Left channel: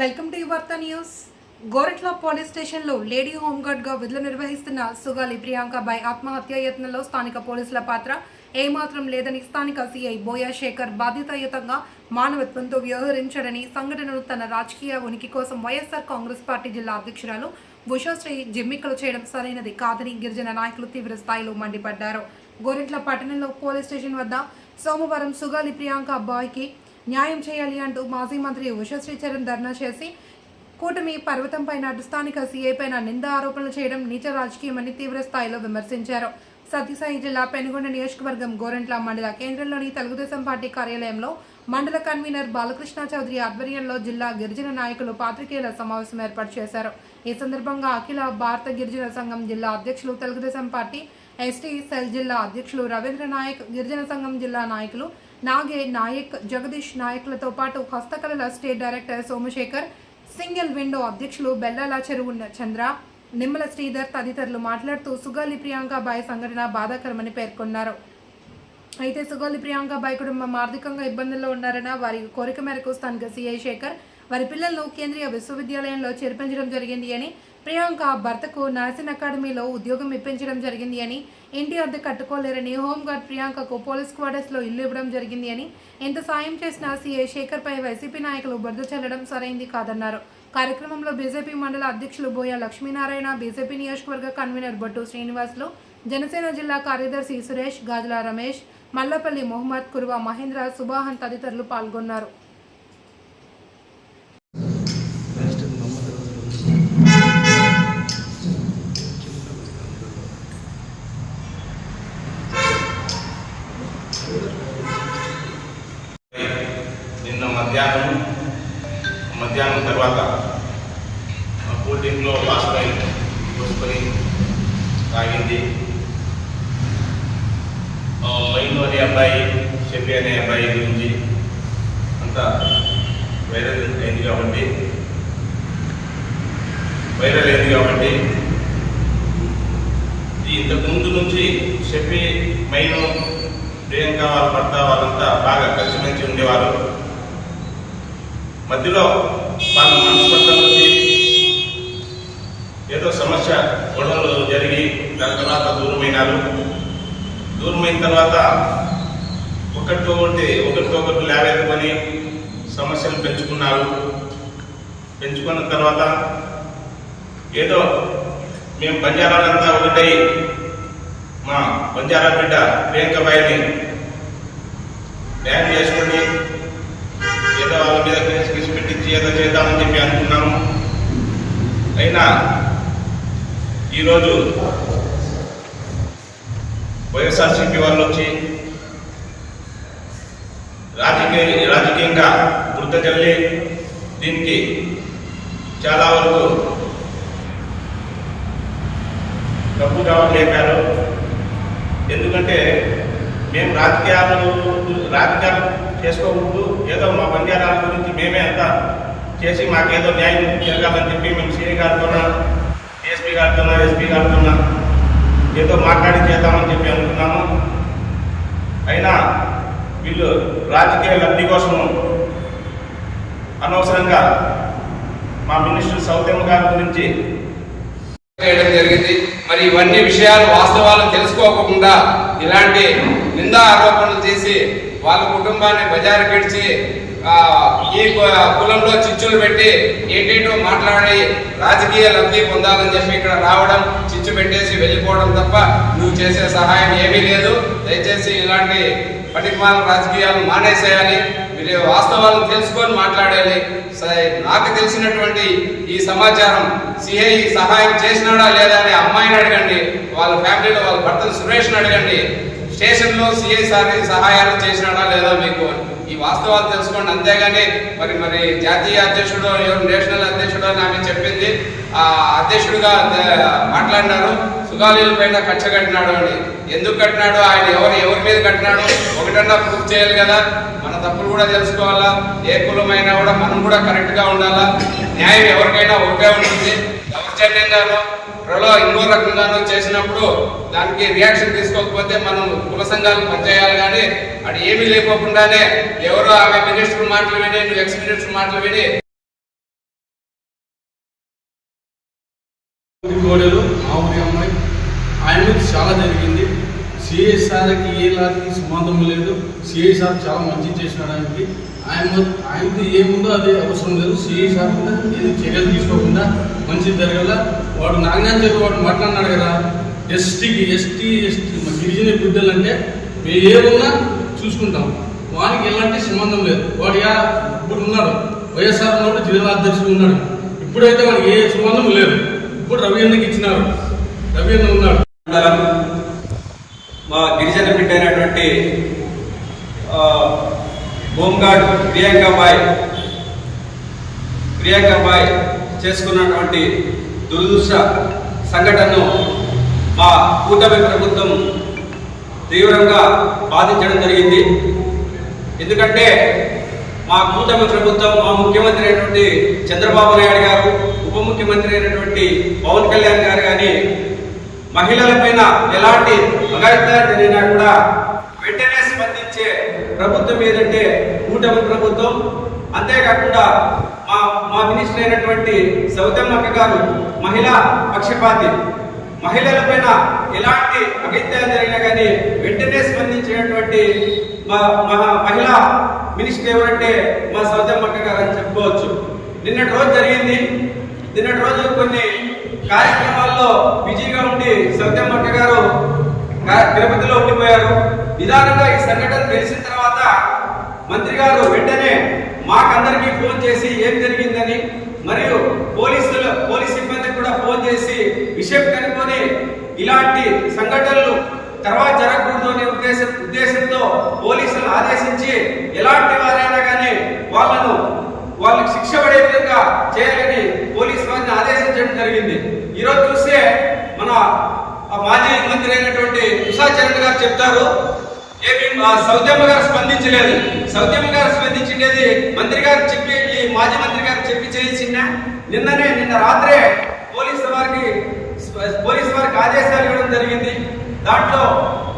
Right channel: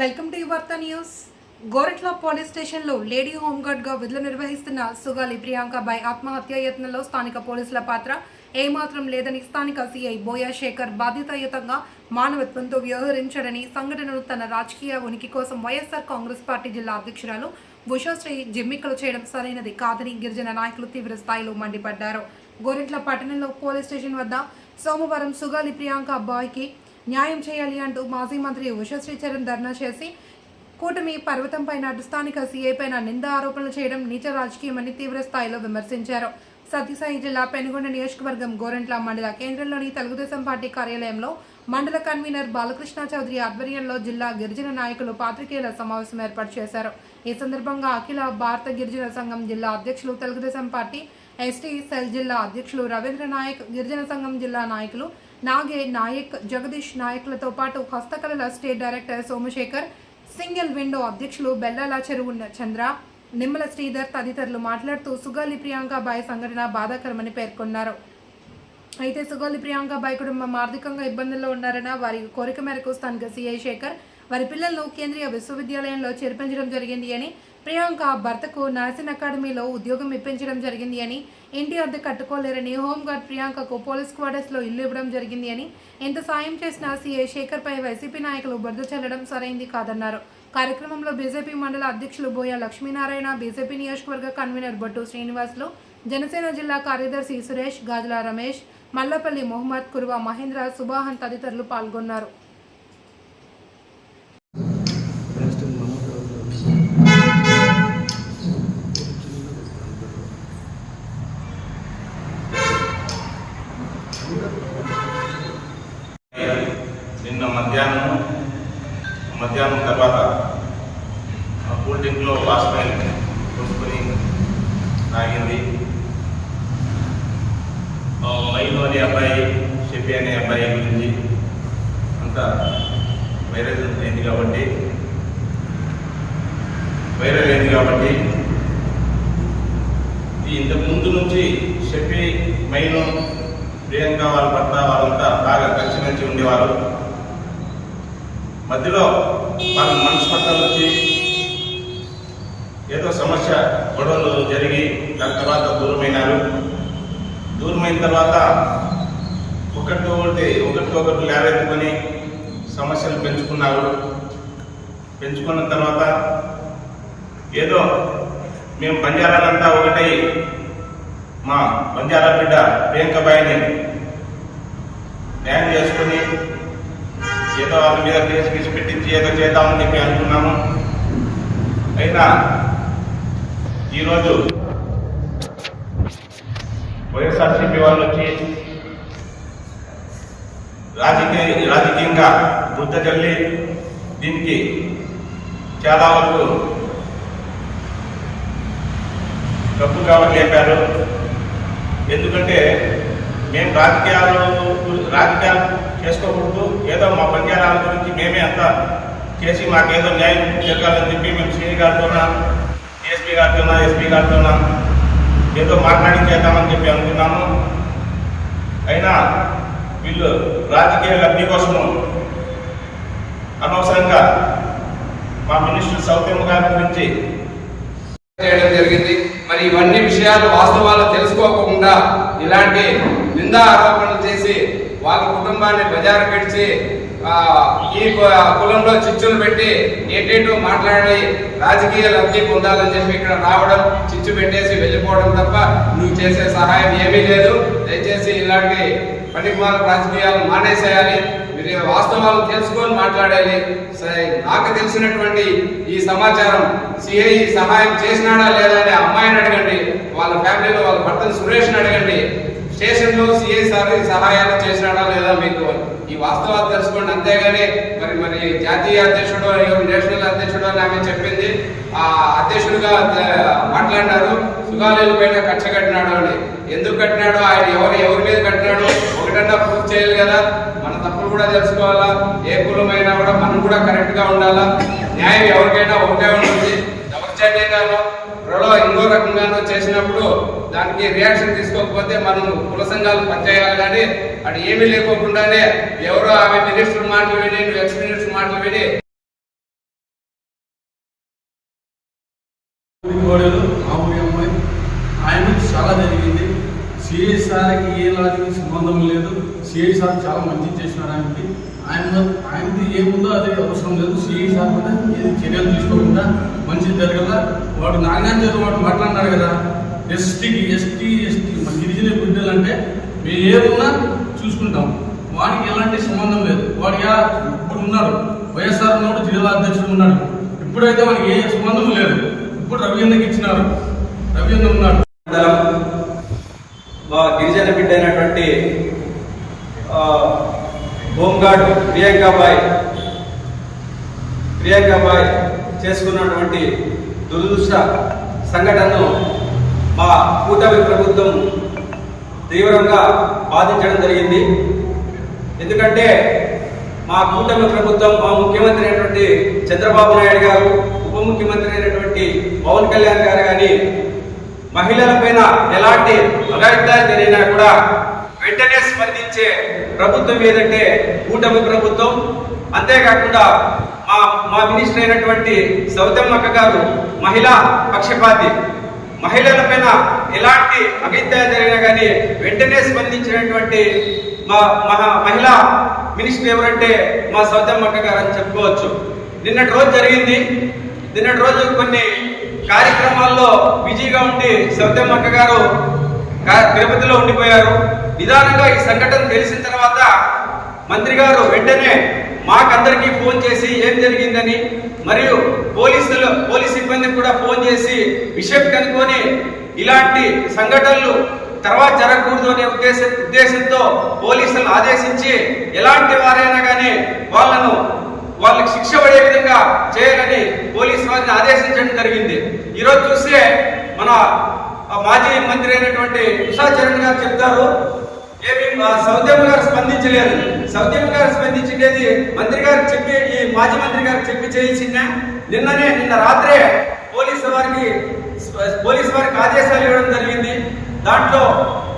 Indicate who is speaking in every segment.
Speaker 1: Welcome to Vaartha news. Goretla police స్టేషన్లో lady హోంగార్డ్గా విధులు నిర్వహిస్తున్న సుగాలి ప్రియాంకబాయ్ ఆత్మహత్య యత్నంలో స్థానిక పోలీసుల పాత్ర ఏమాత్రం లేదని స్థానిక సీఐ బోయా శేఖర్ బాధ్యతాయుతంగా మానవత్వంతో వ్యవహరించాడని సంఘటనను తన రాజకీయ ఉనికి కోసం వైఎస్ఆర్ కాంగ్రెస్ పార్టీ జిల్లా అధ్యక్షురాలు ఉషాశ్రీ జిమ్మికలు చేయడం సరైనది కాదని గిరిజన నాయకులు తీవ్ర స్థాయిలో మండిపడ్డారు. గోరెట్ల పట్టణంలో పోలీస్ స్టేషన్ వద్ద సోమవారం సుగాలి ప్రియాంక అబ్బాయికి న్యాయం చేయాలి అంటూ మాజీ మంత్రి ఉషశ్రీ చరణ్ ధర్నా చేసి కూటమి పర్వతంపై పైన స్థానిక సీఏ పైన నింద ఆరోపణలు చేయడం నీచ రాజకీయమని తీవ్ర స్థాయిలో విమర్శించారు. సత్యసాయి జిల్లా పెనుగొండ నియోజకవర్గం గోరంట్ల మండల కేంద్రంలోని తెలుగుదేశం పార్టీ కార్యాలయంలో మండల కన్వీనర్ బాలకృష్ణ చౌదరి ఆధ్వర్యంలో జిల్లా గిరిజన నాయకులు పాత్రికేయుల సమావేశం ఏర్పాటు చేశారు. ఈ సందర్భంగా అఖిల భారత గిరిజన సంఘం జిల్లా అధ్యక్షులు తెలుగుదేశం పార్టీ ఎస్టీ సెల్ జిల్లా అధ్యక్షులు రవీంద్ర నాయక్ గిరిజన సంఘం జిల్లా నాయకులు నాగే నాయక్ జగదీష్ నాయకులతో పాటు హస్తకళల state director Somasekhar single window అధ్యక్షులు బెల్లాల చెరువు చంద్ర నిమ్మల శ్రీధర్ తదితరులు మాట్లాడుతూ సుగాలి ప్రియాంక బాయ్ సంఘటన బాధాకరమని పేర్కొన్నారు. అయితే సుగాలి ప్రియాంక బాయ్ కుటుంబం ఆర్థికంగా ఇబ్బందుల్లో ఉన్నారన్న వారి కోరిక మేరకు స్థానిక సిఐ శేఖర్ వారి పిల్లలను కేంద్రీయ విశ్వవిద్యాలయంలో చేర్పించడం జరిగింది అని ప్రియాంక భర్తకు నర్సింగ్ అకాడమీలో ఉద్యోగం ఇప్పించడం జరిగింది అని ఇంటి అద్దె కట్టుకోలేరని హోంగార్డ్ ప్రియాంకకు పోలీస్ క్వార్టర్స్లో ఇల్లు ఇవ్వడం జరిగింది అని ఎంత సాయం చేసినా సీఏ శేఖర్పై వైసీపీ నాయకులు బురద చల్లడం సరైంది కాదన్నారు. కార్యక్రమంలో బీజేపీ మండల అధ్యక్షులు బోయ లక్ష్మీనారాయణ బీజేపీ నియోజకవర్గ కన్వీనర్ బొట్టు శ్రీనివాసులు జనసేన జిల్లా కార్యదర్శి సురేష్ గాజుల రమేష్ మల్లపల్లి మొహమ్మద్ కురువా మహేంద్ర సుబాహన్ తదితరులు పాల్గొన్నారు.
Speaker 2: మధ్యాహ్నం మధ్యాహ్నం తర్వాత ఆ కూల్ డ్రింక్లో వాష్పైల్ పోసుకొని తాగింది. ఆ అనే అబ్బాయి షెఫీ అనే అబ్బాయి గురించి అంతా వైరల్ అయింది కాబట్టి వైరల్ అయింది కాబట్టి ఇంతకు ముందు నుంచి షెఫీ మైను ప్రియాంక వాళ్ళ భర్త వాళ్ళంతా బాగా కలిసిమెలిసి ఉండేవారు. మధ్యలో వాళ్ళు మనస్పర్ధలు వచ్చి ఏదో సమస్య గొడవలు జరిగి దాని తర్వాత దూరమైనారు. దూరమైన తర్వాత ఒకరితో ఒకటి ఒకరితో ఒకరు లేవెత్తుకొని సమస్యలు పెంచుకున్నారు. పెంచుకున్న తర్వాత ఏదో మేము బంజారాలంతా ఒకటై మా బంజారా బిడ్డ ప్రియాంకబాయిని ప్లాన్ చేసుకొని ఏదో వాళ్ళ మీద కేసు కేసు పెట్టించి ఏదో చేద్దామని చెప్పి అనుకున్నాము. అయినా ఈరోజు వైఎస్ఆర్సీపీ వాళ్ళు వచ్చి రాజకీయ రాజకీయంగా బుద్ధ జల్లి దీనికి చాలా వరకు డబ్బు కావాలి లేపారు. ఎందుకంటే మేము రాజకీయాలు రాజకీయాలు చేసుకోకూడదు. ఏదో మా బంజారాల గురించి మేమే అంతా చేసి మాకేదో న్యాయం జరగాలని చెప్పి మేము సిఐ గారితోనా ఎస్పీ గారితోనా ఎస్పీ గారితోనా ఏదో మాట్లాడి చేద్దామని చెప్పి అనుకున్నాము. అయినా వీళ్ళు రాజకీయ లబ్ధి కోసము అనవసరంగా మా మినిస్టర్ సౌతమ్మ గారి గురించి
Speaker 3: చేయడం జరిగింది. మరి ఇవన్నీ విషయాలు వాస్తవాలు తెలుసుకోకుండా ఇలాంటి నిందా ఆరోపణలు చేసి వాళ్ళ కుటుంబాన్ని బజారు పెడిచి ఈ కులంలో చిచ్చులు పెట్టి ఏంటేటో మాట్లాడి రాజకీయ లబ్ధి పొందాలని చెప్పి ఇక్కడ రావడం చిచ్చు పెట్టేసి వెళ్ళిపోవడం తప్ప నువ్వు చేసే సహాయం ఏమీ లేదు. దయచేసి ఇలాంటి పనికిమాల రాజకీయాలు మానేసేయాలి. మీరు వాస్తవాలను తెలుసుకొని మాట్లాడాలి. నాకు తెలిసినటువంటి ఈ సమాచారం సిఐ సహాయం చేసినాడా లేదా అని అమ్మాయిని అడగండి. వాళ్ళ ఫ్యామిలీలో వాళ్ళ భర్త సురేష్ని అడగండి. స్టేషన్లో సిఐ సార్ సహాయాలు చేసినాడా లేదా మీకు ఈ వాస్తవాలు తెలుసుకోండి. అంతేగాని మరి మరి జాతీయ అధ్యక్షుడు ఎవరు నేషనల్ అధ్యక్షుడు అని ఆమె చెప్పింది. ఆ అధ్యక్షుడిగా మాట్లాడినారు. సుగాలీల పైన కక్ష కట్టినాడు అని. ఎందుకు కట్టినాడు? ఆయన ఎవరు ఎవరి మీద కట్టినాడు? ఒకటన్నా ప్రూఫ్ చేయాలి కదా. మన తప్పులు కూడా తెలుసుకోవాలా? ఏ కులమైనా కూడా మనం కూడా కరెక్ట్గా ఉండాలా? న్యాయం ఎవరికైనా ఒకటే ఉంటుంది. దౌర్జన్యంగానో ప్రలో ఇంకో రకంగానో చేసినప్పుడు దానికి రియాక్షన్ తీసుకోకపోతే మనం కుల సంఘాలు పనిచేయాలి కానీ అటు ఏమీ లేకోకుండానే ఎవరో ఆమె మినిస్టర్ మాటలు విని నువ్వు ఎక్స్ మినిస్టర్ మాటలు విని.
Speaker 4: కోడలు మా ఊరి అమ్మాయి. ఆయన చాలా జరిగింది. సిఐ సార్కి ఏ లాకి సంబంధం లేదు. సిఐ సార్ చాలా మంచి చేసినాడు ఆయనకి. ఆయన ఆయనది ఏముందో అదే అవసరం లేదు. సిఐ సార్ కూడా ఏది చర్యలు తీసుకోకుండా మంచి జరగల. వాడు నాగనాథ్ వాడు మాట్లాడినాడు కదా. ఎస్టీకి ఎస్టీ ఎస్టీ. మా గిరిజన బిడ్డలు అంటే మేము ఏమున్నా చూసుకుంటాం. వానికి ఎలాంటి సంబంధం లేదు. వాడు యా ఇప్పుడు ఉన్నాడు. వైఎస్ఆర్ ఉన్నప్పుడు జిల్లా అధ్యక్షుడు ఉన్నాడు. ఇప్పుడైతే మనకి ఏ సంబంధం లేదు. ఇప్పుడు రవి అన్నకి ఇచ్చినారు. రవి అన్న ఉన్నాడు.
Speaker 5: మండలం మా గిరిజన బిడ్డ అయినటువంటి హోంగార్డ్ ప్రియాంకాబాయ్ ప్రియాంకాబాయ్ చేసుకున్నటువంటి దురదృష్ట సంఘటనను మా కూటమి ప్రభుత్వం తీవ్రంగా బాధించడం జరిగింది. ఎందుకంటే మా కూటమి ప్రభుత్వం మా ముఖ్యమంత్రి అయినటువంటి చంద్రబాబు నాయుడు గారు ఉప ముఖ్యమంత్రి అయినటువంటి పవన్ కళ్యాణ్ గారు కానీ మహిళలపైన ఎలాంటి అఘాయిత్యాలు జరిగినా కూడా వెంటనే స్పందించే ప్రభుత్వం ఏదంటే కూటమి ప్రభుత్వం. అంతేకాకుండా మా మినిస్టర్ అయినటువంటి సౌతమ్మక్క గారు మహిళా పక్షపాతి. మహిళలపైన ఎలాంటి అఘాయిత్యాలు జరిగినా కానీ వెంటనే స్పందించినటువంటి మా మహా మహిళా మినిస్టర్ ఎవరంటే మా సౌతమ్మక్క గారు అని చెప్పుకోవచ్చు. నిన్నటి రోజు జరిగింది. నిన్నటి రోజు కొన్ని కార్యక్రమాల్లో బిజీగా ఉండి సౌతమ్మక్క గారు తిరుపతిలో ఉండిపోయారు. నిదానంగా ఈ సంఘటన తెలిసిన తర్వాత మంత్రి గారు వెంటనే మాకందరికీ ఫోన్ చేసి ఏం జరిగిందని మరియు పోలీసులు పోలీస్ సిబ్బందికి కూడా ఫోన్ చేసి విషయం కనుక్కొని ఇలాంటి సంఘటనలు తర్వాత జరగకూడదు అనే ఉద్దేశ ఉద్దేశంతో పోలీసులను ఆదేశించి ఎలాంటి వారైనా కానీ వాళ్ళను వాళ్ళకి శిక్ష పడే విధంగా చేయాలని పోలీస్ వారిని ఆదేశించడం జరిగింది. ఈరోజు చూస్తే మన మాజీ మంత్రి అయినటువంటి ఉషా చరణ్ గారు చెప్తారు సౌద్యమ్మ గారు స్పందించలేదు. సౌద్యమ్మ గారు స్పందించిండేది మంత్రి గారు చెప్పి ఈ మాజీ మంత్రి గారు చెప్పి చేయించిన నిన్ననే నిన్న రాత్రే పోలీసు వారికి పోలీసు వారికి ఆదేశాలు ఇవ్వడం జరిగింది. దాంట్లో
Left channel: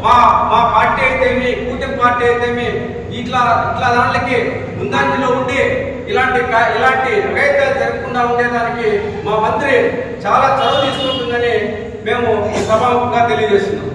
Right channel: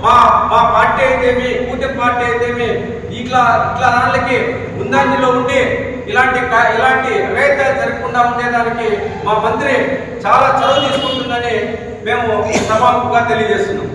Speaker 5: మా మా పార్టీ అయితేమి కూటమి పార్టీ అయితేమి ఇట్లా ఇట్లా దానికి ముందంజలో ఉండి ఇలాంటి కా- ఇలాంటి అఘాయిత్యాలు జరగకుండా ఉండేదానికి మా మంత్రి చాలా చొరవ తీసుకుంటుందని మేము సభాముఖంగా తెలియజేస్తున్నాం.